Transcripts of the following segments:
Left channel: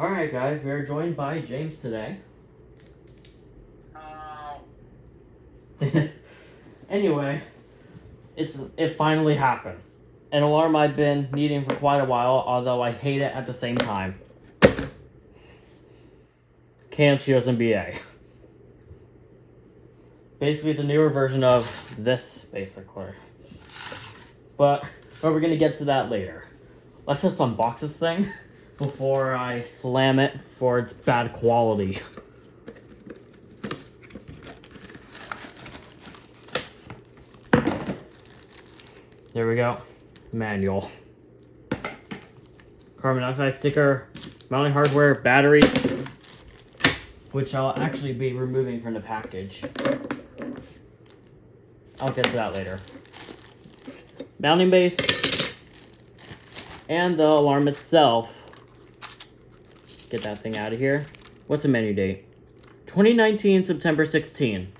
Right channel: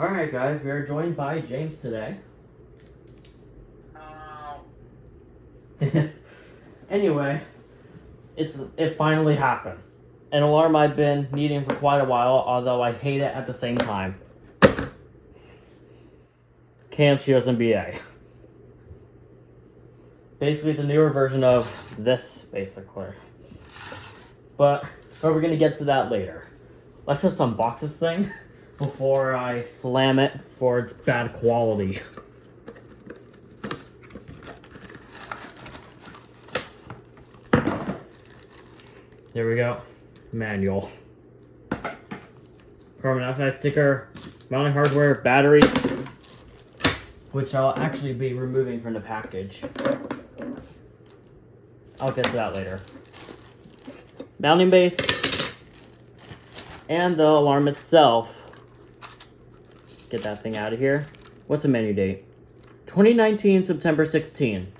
Alright guys, we are joined by James today. Anyway, it finally happened. An alarm I've been needing for quite a while, although I hate it at the same time. KN-COSM-BA. Basically the newer version of this, basically. But we're gonna get to that later. Let's just unbox this thing before I slam it for its bad quality. There we go. Manual. Carbon monoxide sticker, mounting hardware, batteries, which I'll actually be removing from the package. I'll get to that later. Mounting base, and the alarm itself. Get that thing out of here. What's the menu date? 2019, September 16.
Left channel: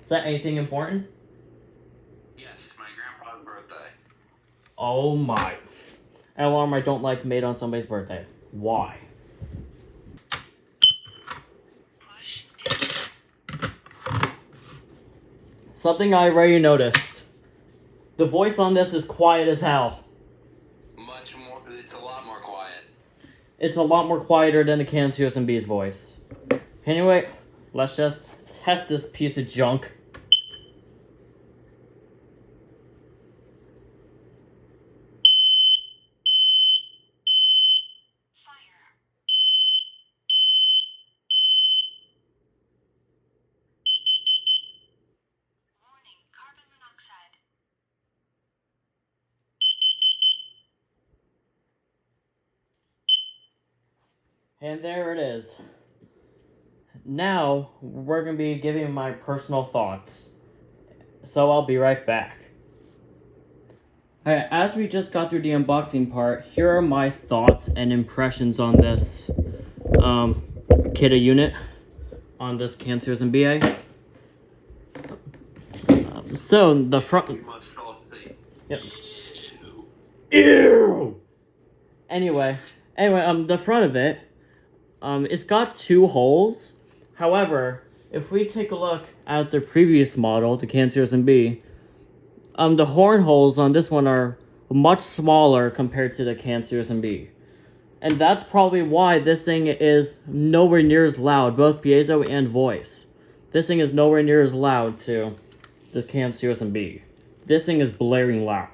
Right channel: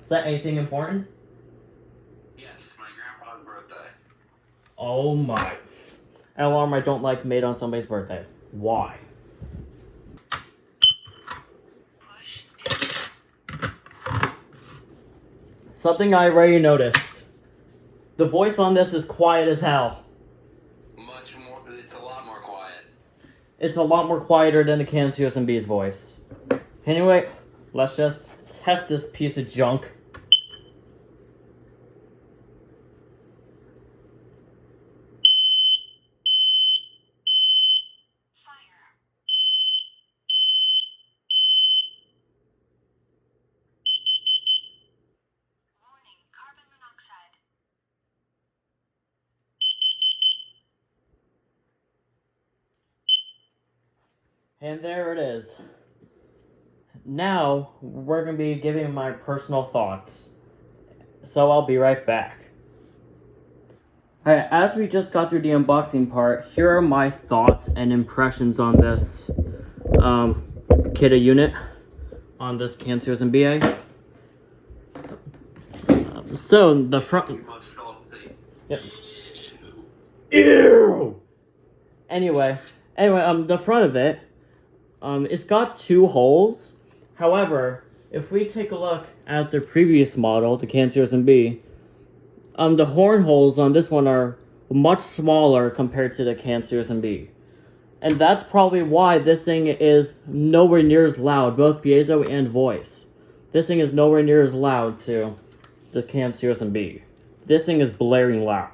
Is that anything important? Yes, my grandpa's birthday. Oh my. An alarm I don't like made on somebody's birthday. Why? Something I already noticed. The voice on this is quiet as hell. Much more, it's a lot more quiet. It's a lot more quieter than the KN-COSM-B's voice. Anyway, let's just test this piece of junk. Warning, carbon monoxide. And there it is. Now, we're going to be giving my personal thoughts. So I'll be right back. Alright, as we just got through the unboxing part, here are my thoughts and impressions on this Kidde unit, on this KN-COSM-BA. So, the front... You must all see. Yep. Ew! Anyway, the front of it, it's got two holes. However, if we take a look at the previous model, the KN-COSM-B, the horn holes on this one are much smaller compared to the KN-COSM-B. And that's probably why this thing is nowhere near as loud, both piezo and voice. This thing is nowhere near as loud to the KN-COSM-B. This thing is blaring loud.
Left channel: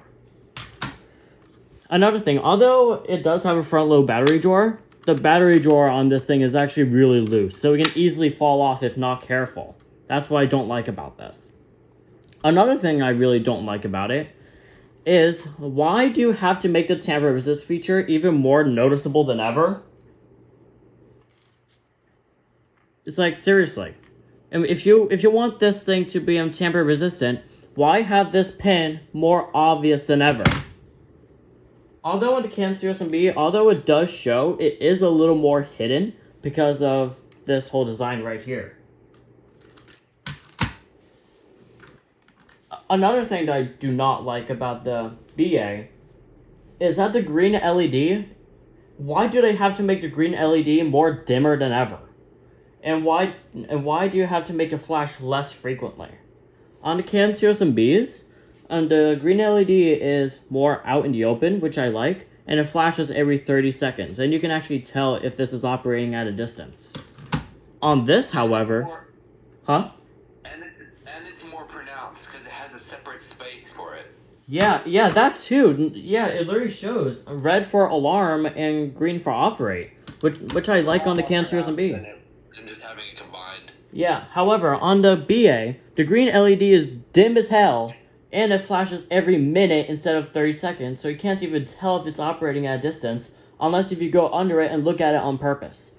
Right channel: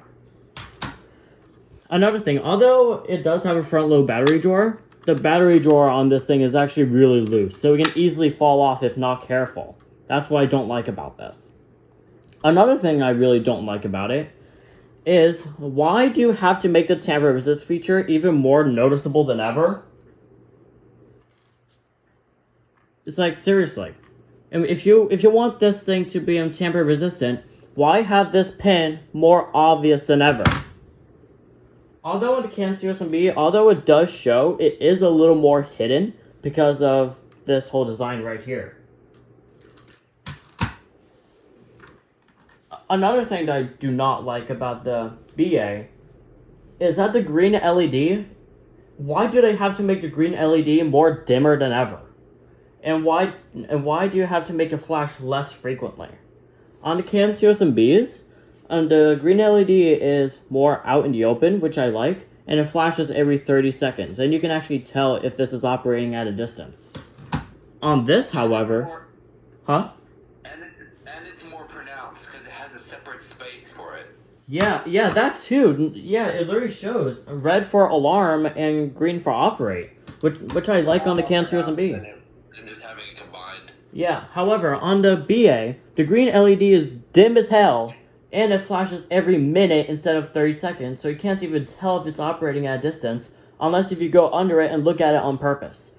Another thing, although it does have a front load battery drawer, the battery drawer on this thing is actually really loose, so it can easily fall off if not careful. That's what I don't like about this. Another thing I really don't like about it is, why do you have to make the tamper resist feature even more noticeable than ever? It's like, seriously. And if you want this thing to be tamper resistant, why have this pin more obvious than ever? Although in the KN-COSM-B, although it does show, it is a little more hidden because of this whole design right here. Another thing that I do not like about the BA is that the green LED, why do they have to make the green LED more dimmer than ever? And why do you have to make it flash less frequently? On the KN-COSM-Bs, the green LED is more out in the open, which I like, and it flashes every 30 seconds, and you can actually tell if this is operating at a distance. On this, however... Huh? And it's more pronounced, because it has a separate space for it. Yeah, that too. Yeah, it literally shows red for alarm and green for operate, which I like on the KN-COSM-B. And just having it combined. Yeah, however, on the BA, the green LED is dim as hell, and it flashes every minute instead of 30 seconds, so you can't even tell if it's operating at a distance, unless if you go under it and look at it on purpose.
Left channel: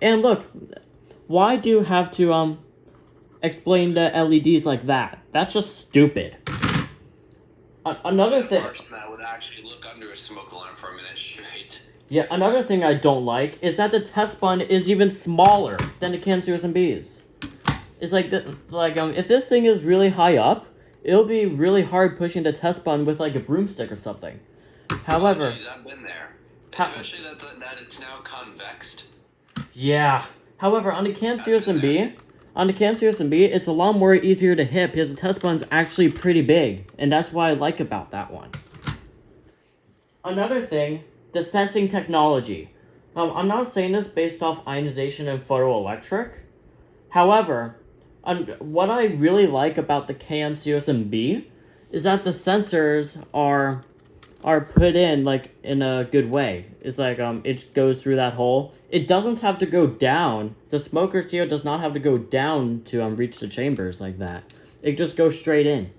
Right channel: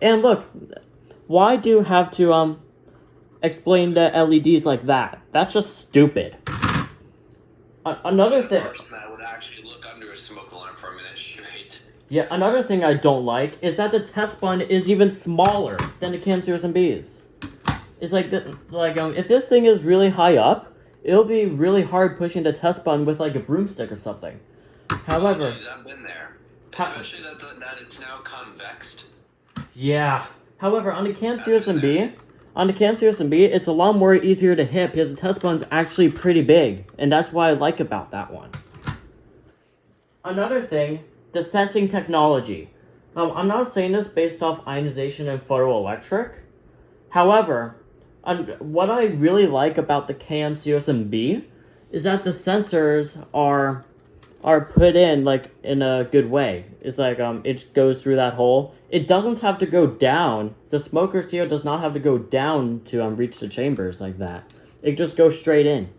And look, why do you have to, explain the LEDs like that? That's just stupid. Another thing... The person that would actually look under a smoke alarm for a minute straight. Yeah, another thing I don't like is that the test button is even smaller than the KN-COSM-B's. It's like, if this thing is really high up, it'll be really hard pushing the test button with like a broomstick or something. However, I've been there. Especially that it's now convexed. Yeah. However, on the KN-COSM-B, it's a lot more easier to hit because the test button's actually pretty big, and that's what I like about that one. Another thing, the sensing technology. I'm not saying this based off ionization and photoelectric. However, what I really like about the KN-COSM-B is that the sensors are put in like in a good way. It's like it goes through that hole. It doesn't have to go down. The smoker CO does not have to go down to reach the chambers like that. It just goes straight in.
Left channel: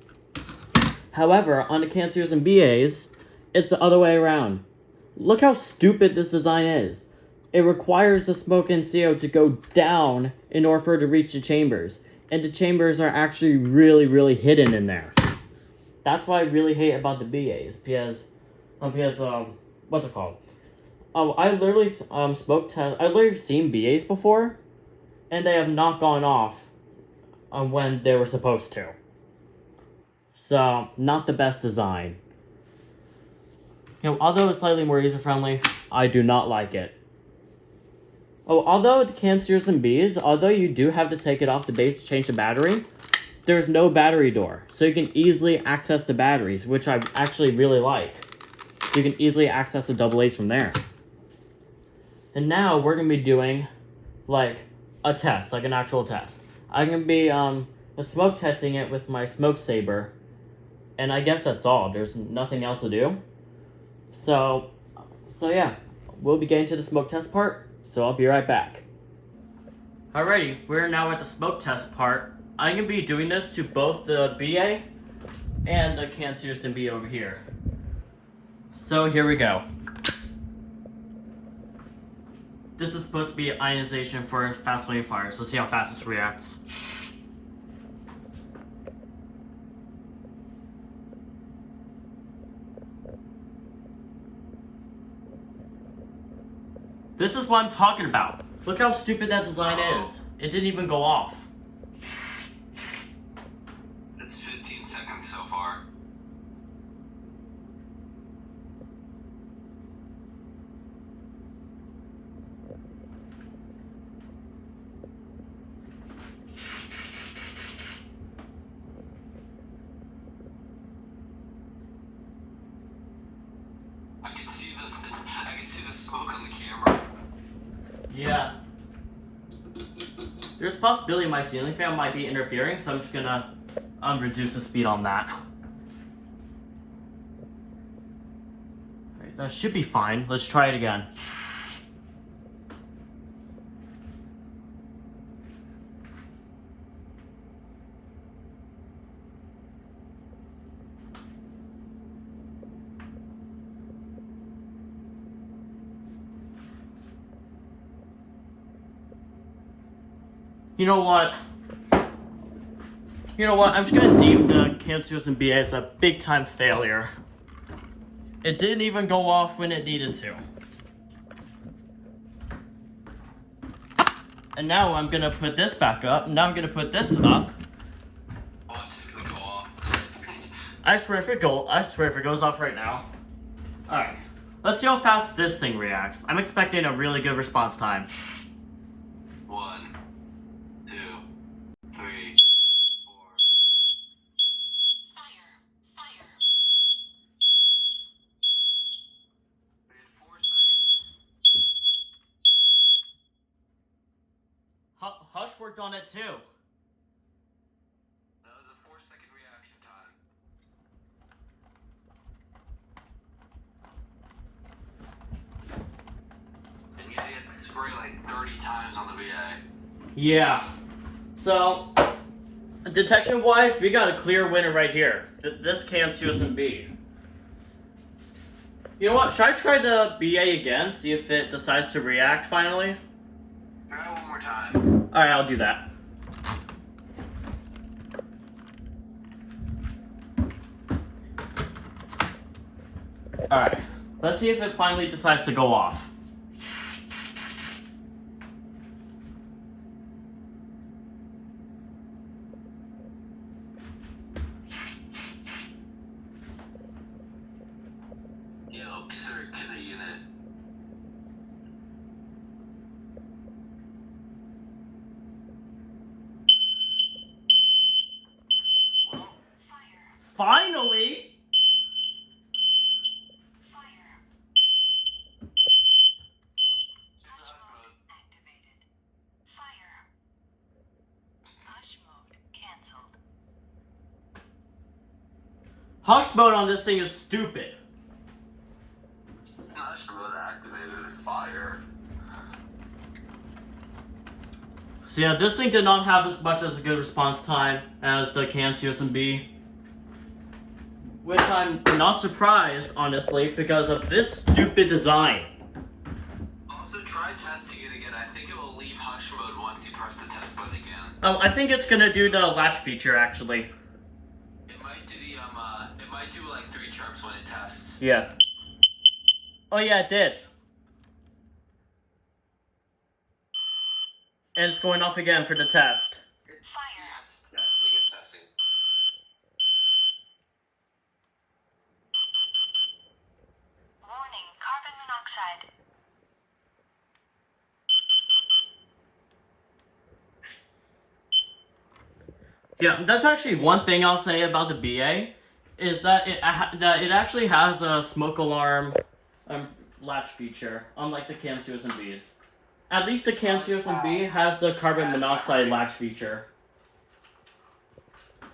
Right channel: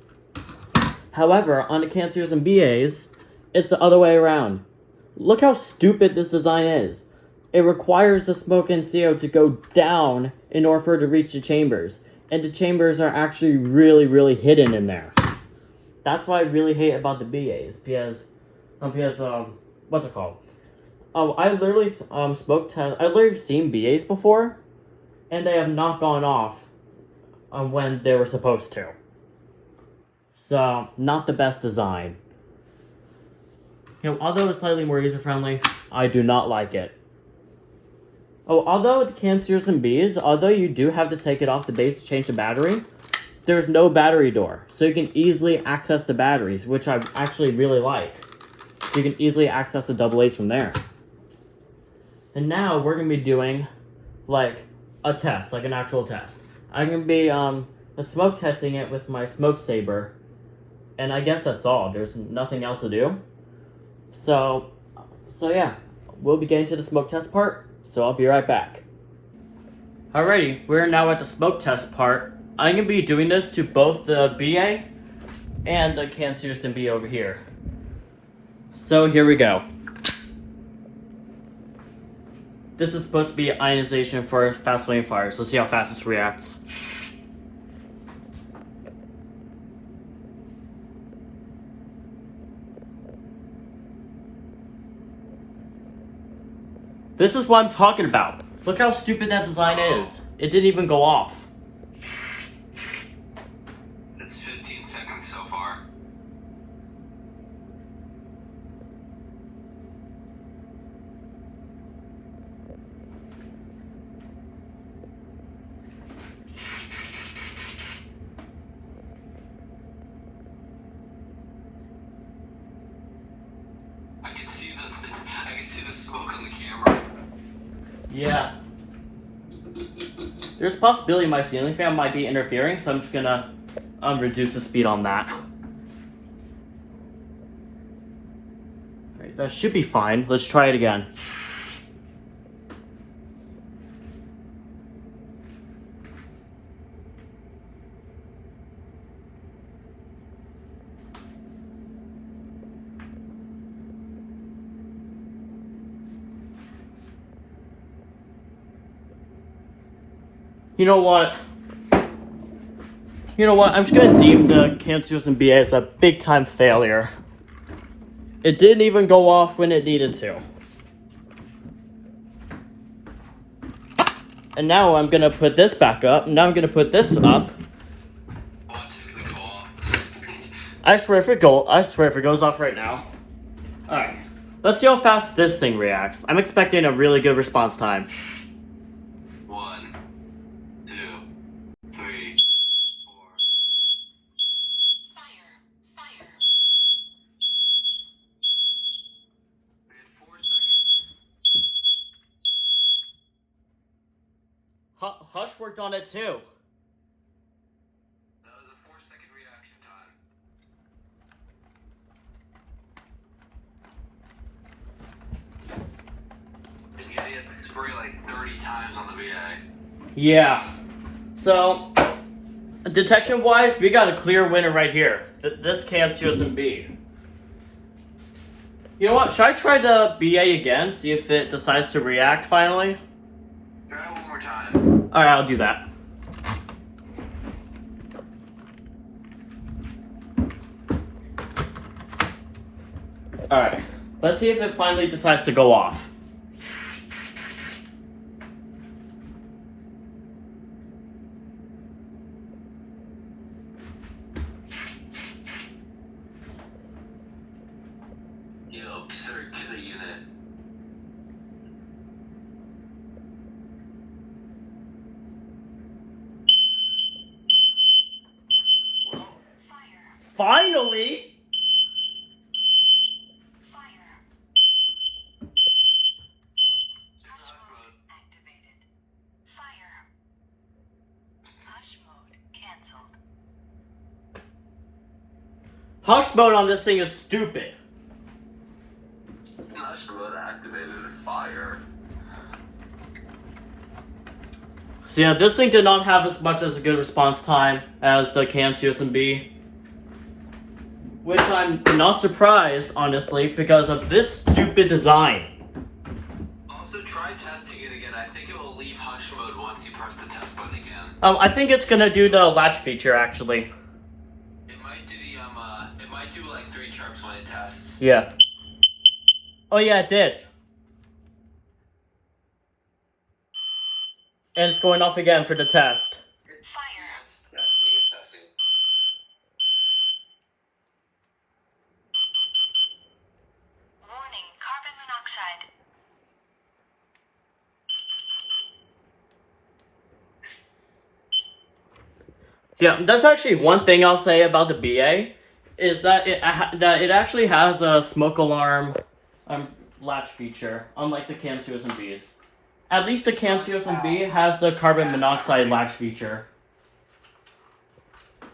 However, on the KN-COSM-BAs, it's the other way around. Look how stupid this design is. It requires the smoke and CO to go down in order for it to reach the chambers. And the chambers are actually really, really hidden in there. That's what I really hate about the BAs, because what's it called? I literally I've literally seen BAs before, and they have not gone off when they were supposed to. So, not the best design. Although it's slightly more user-friendly, I do not like it. Although the KN-COSM-Bs, although you do have to take it off the base to change the battery, there's no battery door, so you can easily access the batteries, which I actually really like. You can easily access the AA's from there. And now we're going to be doing, like, a test, like an actual test. I'm going to be smoke testing it with my smoke saber, and I guess that's all. There's nothing else to do. So yeah, we'll be getting to the smoke test part, so I'll be right back. Alrighty, we're now at the smoke test part. I'm going to be doing this to both the BA and the KN-COSM-B over here. So here we go. This is supposed to be ionization for fast flame fires. Let's see how fast this reacts. This is what I'm talking about. Look how stupid that design is. It didn't even go off. It's 15 seconds so far. I can see the smoke on the camera. Yeah. There's a possibility my ceiling fan might be interfering, so I'm just gonna reduce the speed on that. Alright, that should be fine. Let's try it again. You know what? I'm just gonna deem the KN-COSM-B as a big time failure. It didn't even go off when it needed to. And now I'm gonna put this back up. Now I'm gonna put this up. Oh, it's just gonna go off. I swear if it goes off right now. Alright. Let's see how fast this thing reacts. I'm expecting a really good response time. 1, 2, 3, 4. Fire. We had 4 seconds. Hush worked on it too. That was a 4-second reaction time. And yet he had to spray like 30 times on the VA. Yeah. So, detection-wise, we got a clear winner right here. This KN-COSM-B. You know what? Should I try the BA again? See if it decides to react finally? Try it one more time. Alright, I'll do that. Alright. Let's see if it finally decides to go off. Yo, sir, Kidde unit. Finally! Fire. Hush mode activated. Fire. Hush mode cancelled. Hush mode on this thing is stupid. Hush mode activated. Fire. So yeah, this thing did not have as much as a good response time as the KN-COSM-B. Which I'm not surprised, honestly, because of this stupid design. Also, try testing it again. I think it will leave hush mode once you press the test button again. I think it's gonna do the latch feature, actually. It might do the it might do like 3 chirps when it tests. Yeah. Oh yeah, it did. And it's going off again for the test. Fire. Yes, it's testing. Warning, carbon monoxide. Yeah, that's actually one thing I'll say about the BA, is that it actually has a smoke alarm latch feature, unlike the KN-COSM-B's. At least the KN-COSM-B has the carbon monoxide latch feature.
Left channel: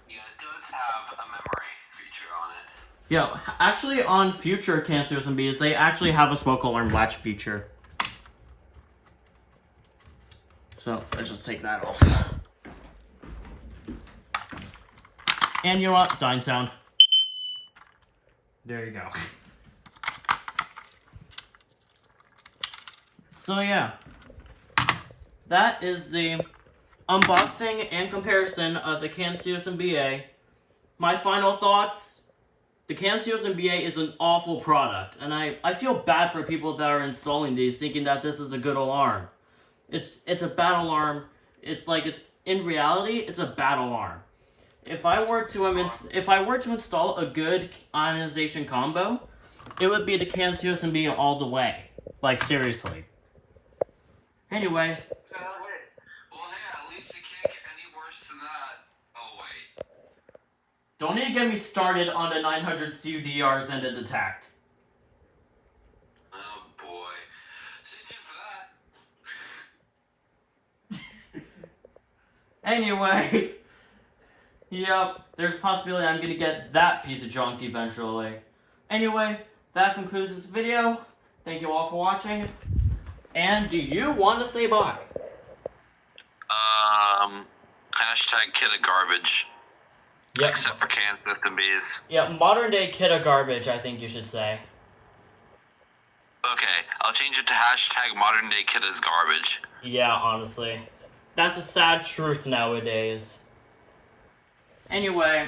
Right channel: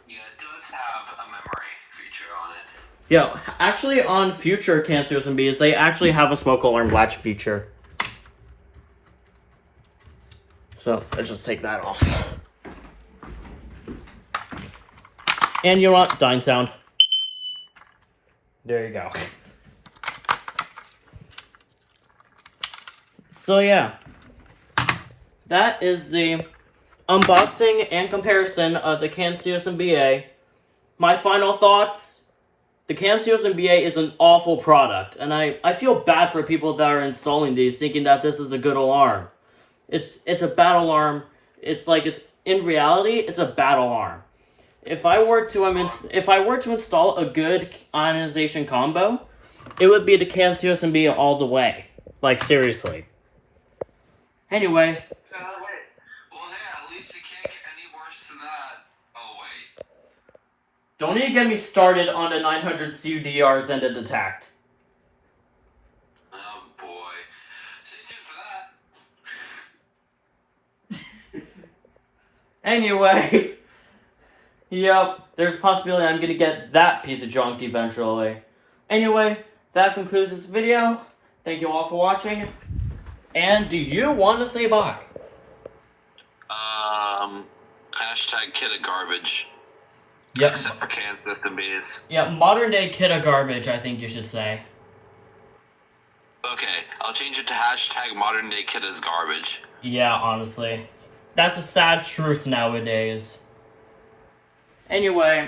Yeah, it does have a memory feature on it. Yeah, actually on future KN-COSM-B's, they actually have a smoke alarm latch feature. So, let's just take that off. And you know what? Dying sound. There you go. So yeah. That is the unboxing and comparison of the KN-COSM-BA. My final thoughts. The KN-COSM-BA is an awful product. And I feel bad for people that are installing these thinking that this is a good alarm. It's a bad alarm. In reality, it's a bad alarm. If I were to install a good ionization combo, it would be the KN-COSM-B all the way. Like, seriously. Anyway. Well, hey, at least it can't get any worse than that. Oh, wait. Don't even get me started on the 900 CUDRs and the detect. Oh, boy. Stay tuned for that. Anyway. Yep, there's a possibility I'm gonna get that piece of junk eventually. Anyway, that concludes this video. Thank you all for watching. And do you want to say bye? Hashtag Kidde garbage. Yep. Except for KN-COSM-B's. Yeah, modern day Kidde garbage, I think you should say. Okay, I'll change it to hashtag modern day Kidde's garbage. Yeah, honestly. That's a sad truth nowadays. Anyway,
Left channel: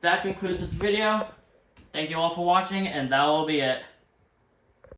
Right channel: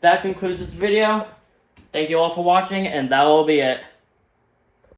that concludes this video. Thank you all for watching, and that will be it.